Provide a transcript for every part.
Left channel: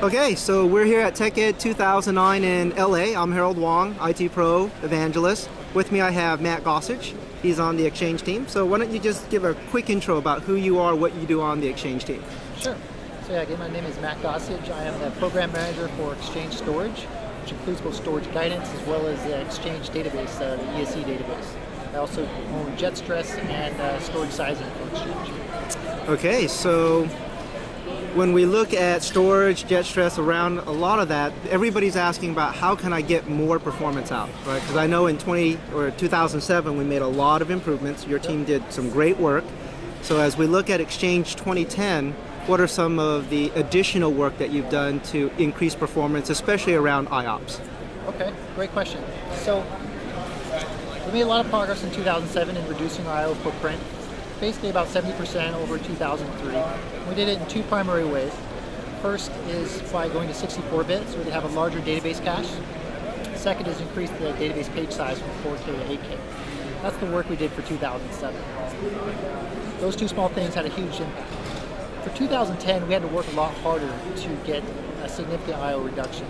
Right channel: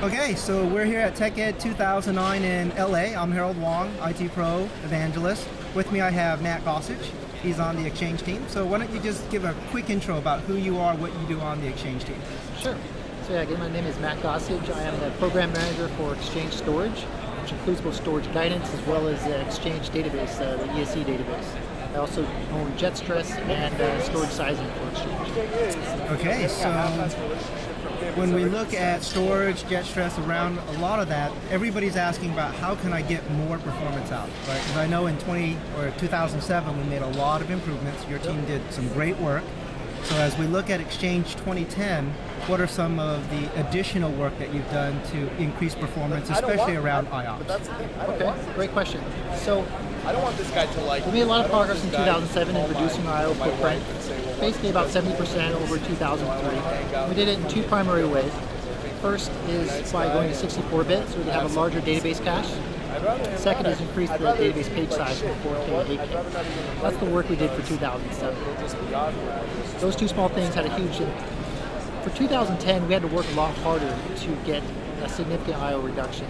Okay, so we're here at TechEd 2009 in LA. I'm Harold Wong, IT Pro Evangelist. With me I have Matt Gossage. He's on the Exchange team. So why don't you just give a quick intro about who you are, what you do on the Exchange team. Sure. So yeah, again, my name is Matt Gossage. I am the Program Manager for Exchange Storage, which includes both storage guidance as well as the Exchange database, the ESE database. I also own jet stress and storage sizing for Exchange. Okay, so when we look at storage, jet stress, around a lot of that, everybody's asking about how can I get more performance out, right? Because I know in 2007 we made a lot of improvements. Your team did some great work. So as we look at Exchange 2010, what are some of the additional work that you've done to increase performance, especially around IOPS? Okay, great question. So we made a lot of progress in 2007 in reducing our IO footprint, basically about 70% over 2003. We did it in two primary ways. First is by going to 64-bit, so we can have a larger database cache. Second is increase the database page size from 4K to 8K. That's the work we did for 2007. Those two small things had a huge impact. For 2010, we had to work a lot harder to get a significant IO reduction.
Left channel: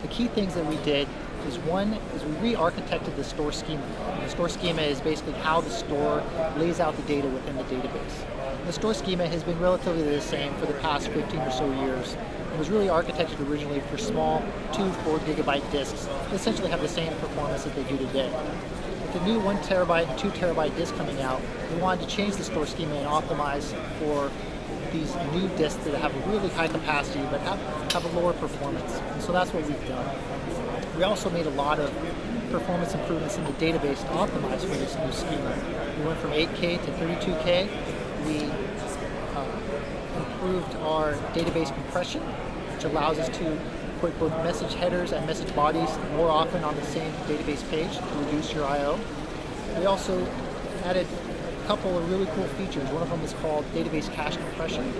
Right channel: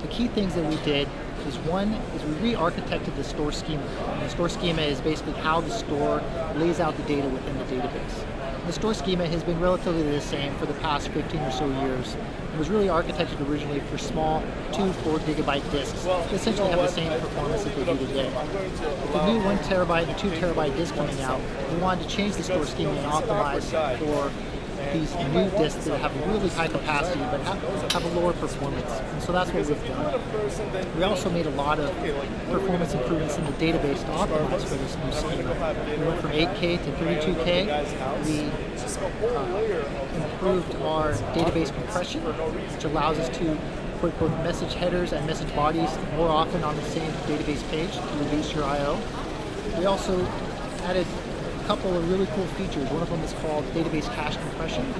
The key things that we did is one is we re-architected the store schema. And the store schema is basically how the store lays out the data within the database. And the store schema has been relatively the same for the past 15 or so years. It was really architected originally for small 2-4 gigabyte disks that essentially have the same performance that they do today. With the new 1 terabyte and 2 terabyte disk coming out, we wanted to change the store schema and optimize for these new disks that have really high capacity but have a lower performance. And so that's what we've done. We also made a lot of performance improvements in the database to optimize for this new schema. We went from 8K to 32K. We improved our database compression, which allows us to put both message headers and message bodies more often on the same database page to reduce your I/O. We also added a couple of really cool features. One of them is called database cache compression.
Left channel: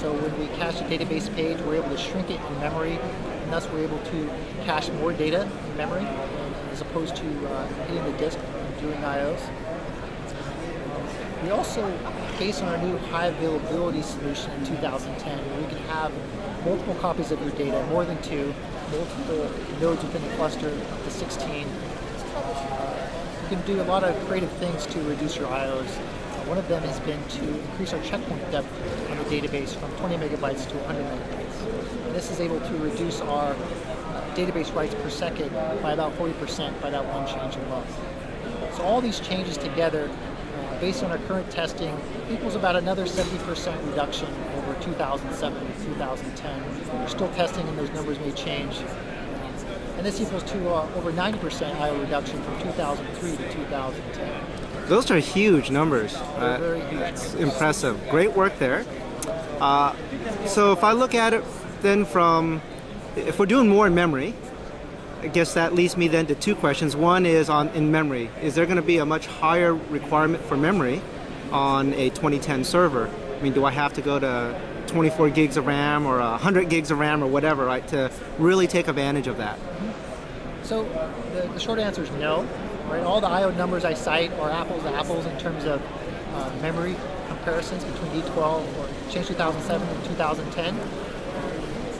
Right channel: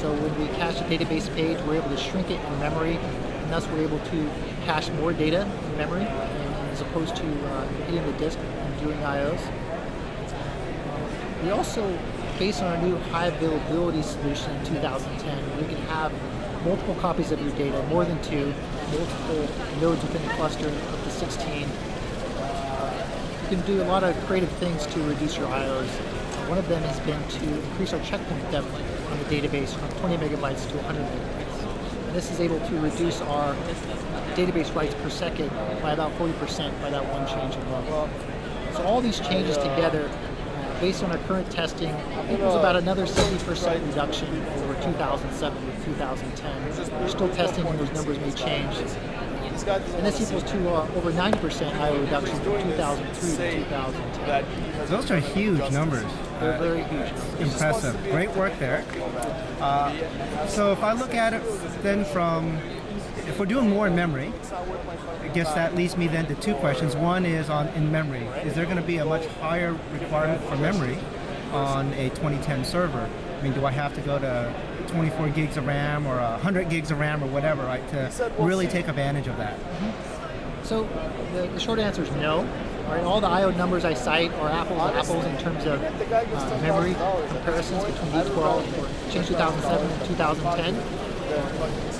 So when we cache a database page, we're able to shrink it in memory, and thus we're able to cache more data in memory, and as opposed to hitting the disk and doing IOs. We also, based on our new high availability solution in 2010, we can have multiple copies of your data, more than 2, multiple nodes within the cluster up to 16. You can do a lot of creative things to reduce your IOs. One of them has been to increase our checkpoint depth on the database from 20 megabytes to 100 megabytes. And this is able to reduce our database writes per second by about 40% by that one change alone. So all these changes together, based on our current testing, equals about another 70% reduction over 2007 to 2010. We're still testing and those numbers may change. And this equals to over 90% IO reduction from 2003 to 2010. Those are huge numbers. They're very huge numbers. Impressive. Great work there. So if I look at it then from, if we're doing more in memory, I guess that leads me then to two questions. One is in memory. Is there going to be a much higher requirement for memory on a 2010 server? I mean, do I have to go to 24 gigs of RAM or 100 gigs of RAM or whatever, right, to really take advantage of that? Mm-hmm. So the short answer is no. Right? All the IO numbers I cite are apples to apples in terms of memory comparisons between D12 or Exchange 2007 and 2010.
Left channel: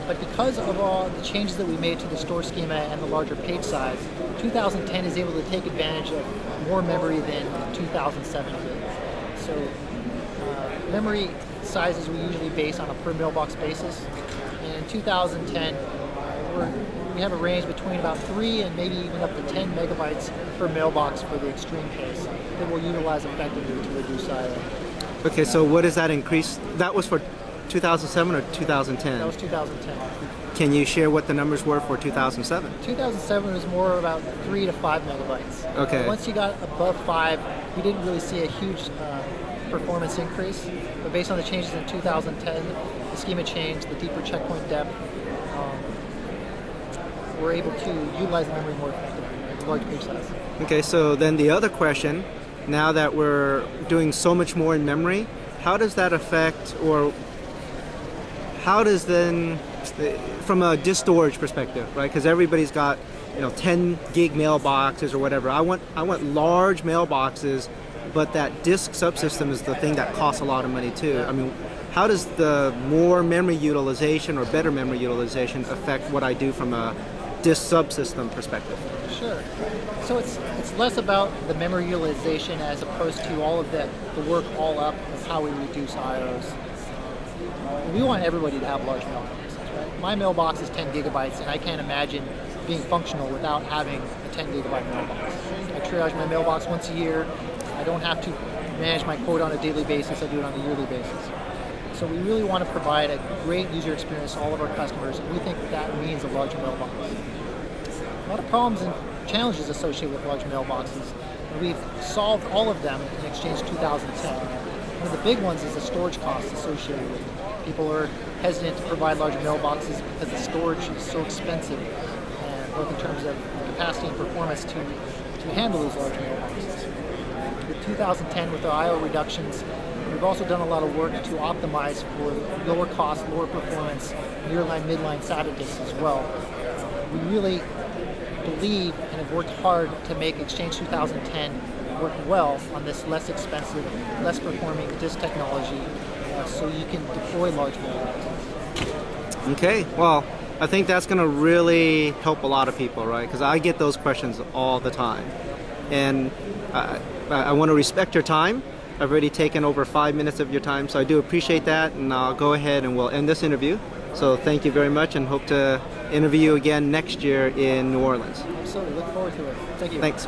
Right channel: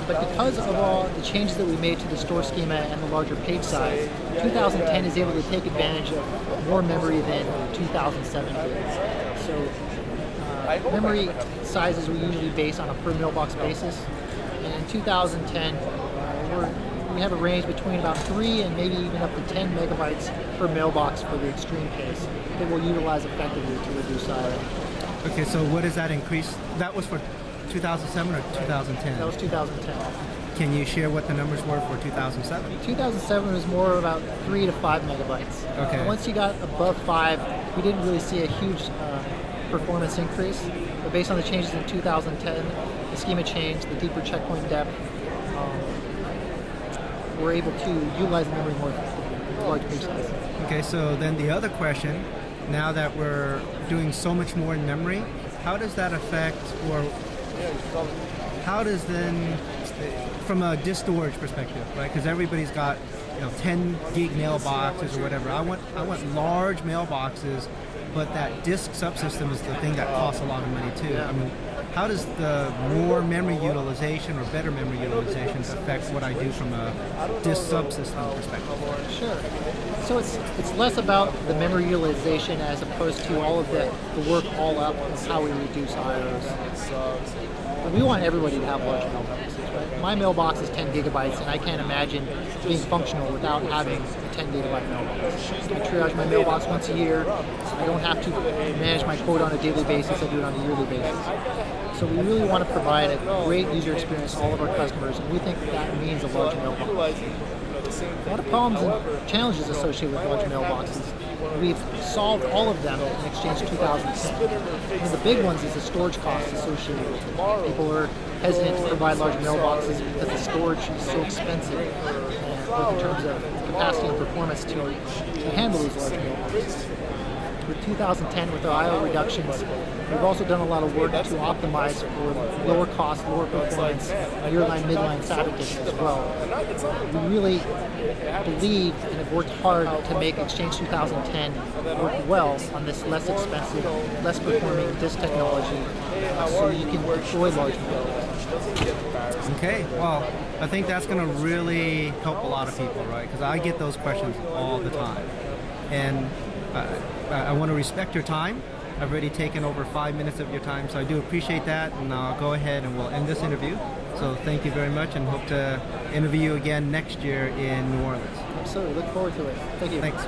But because of all the changes that we made to the store schema and the larger page size, 2010 is able to take advantage of more memory than 2007 did. So memory sizes we usually base on a per mailbox basis. And in 2010, we have a range between about 3 and maybe even up to 10 megabytes per mailbox for the extreme case that we'll utilize effectively to reduce I/O. Okay, so what does that increase? That was for 2007 or 2010? That was 2010. Can you share what the numbers were for 2007? 2007 was more about 3 to 5 megabytes. Okay. Once you got above 5, we didn't really see a huge performance increase. But based on the changes in 2010, the schema changed, the deeper checkpoint depth, we're able to utilize the memory more effectively, the large page size. Okay, so then the other question, now that we're doing so much more in memory, how does that affect, or how does then, from a disk storage perspective, right? Because everybody's got 10 gig mailboxes or whatever. I want large mailboxes, but that disk subsystem is the thing that costs a lot of money too. Yeah. I mean, how does the more memory utilization or better memory utilization affect what I do from a disk subsystem perspective? Sure. So it's less about the memory utilization as opposed to all of the work all up of how we reduce IOs. We want everybody to have large mailboxes, right? My mailbox is 10 gigabytes, and I can't imagine being functional without having a 10 gigabyte mailbox. I triage my mailbox once a year. I don't have to manage my quote on a daily basis. I do it on a yearly basis. So we really want to provide a great user experience to all of our customers, and we think that means a large mailbox. A lot of problems and challenges associated with large mailboxes. We've solved all of them in Exchange 2010. One of the big ones is the storage costs associated with it. People are hesitant to provide large mailboxes because the storage is so expensive, and both in terms of capacity and performance to handle those large mailboxes. With 2010, with our I/O reductions, we've also done a lot of work to optimize for lower cost, lower performance, nearline, midline SATA disks as well. We really believe and have worked hard to make Exchange 2010 work well on this less expensive, less performing disk technology, so you can deploy large mailboxes. Okay, well, I think that's going to really help a lot of people, right? Because I get those questions all the time. And I want to respect your time. I've already taken over 5 minutes of your time, so I do appreciate that, and I'll go ahead and we'll end this interview. So thank you very much, and hope to interview you again next year in New Orleans. Absolutely, look forward to it. Thank you. Thanks.